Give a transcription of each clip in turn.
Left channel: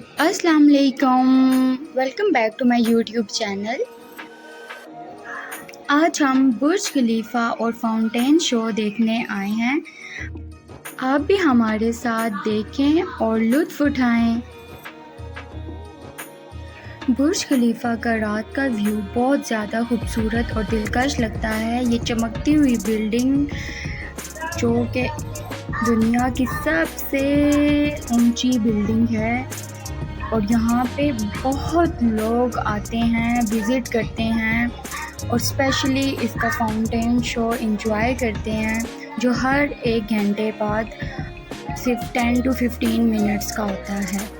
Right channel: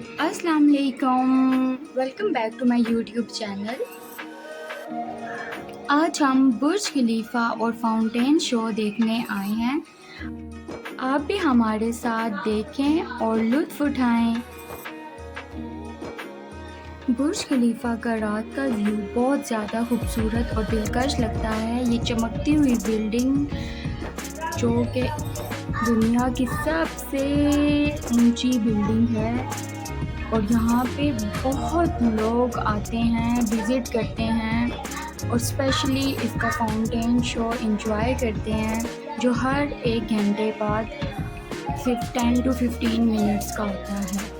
अस्सलाम वालेकुम। Welcome back to my YouTube channel. आज हम बुर्ज खलीफा और फाउंटेन शो देखने आए हैं। आप भी हमारे साथ देखें और लुत्फ़ उठाएं। बुर्ज खलीफा का रात का व्यू बहुत ज़्यादा खूबसूरत और दिलकश लगता है। ये चमकती हुई बिल्डिंग जो कि दुनिया की सबसे ऊंची बिल्डिंग है और यहाँ पे बहुत लोग आते हैं, विज़िट करते हैं और स्पेशली इसका फाउंटेन शो एंजॉय करते हैं जो हर 1 घंटे बाद सिर्फ 10 to 15 मिनट्स का होता है।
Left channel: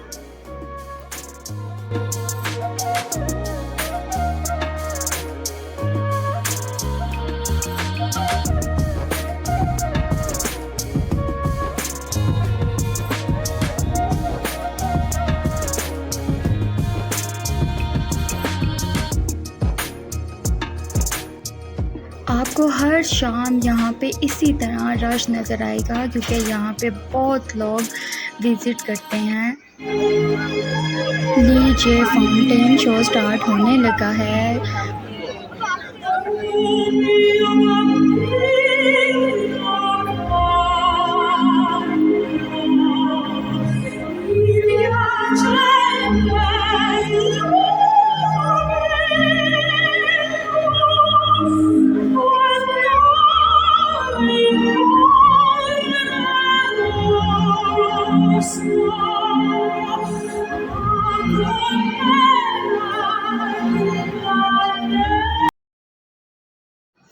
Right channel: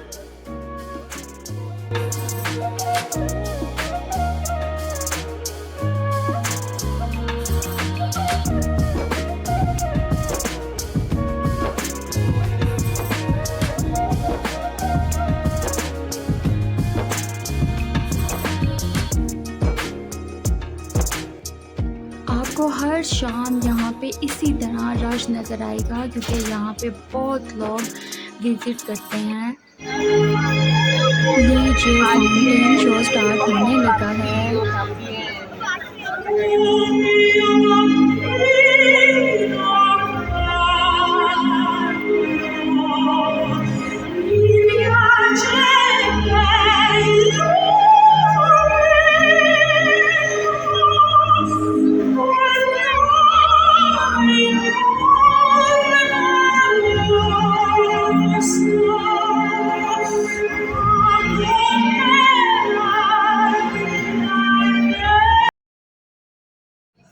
आपको हर शाम यहाँ पे इसी तरह रश नज़र आएगा क्योंकि यहाँ पे बहुत लोग विज़िट करते हैं। लीजिए फाउंटेन शो स्टार्ट होने लगा है।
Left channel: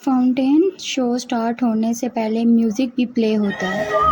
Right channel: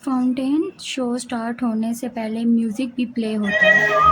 फाउंटेन शो स्टार्ट होने से पहले म्यूज़िक भी प्ले होता है।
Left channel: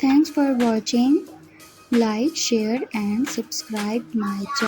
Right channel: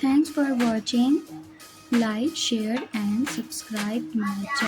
Thanks for watching. Like, share and subscribe my channel.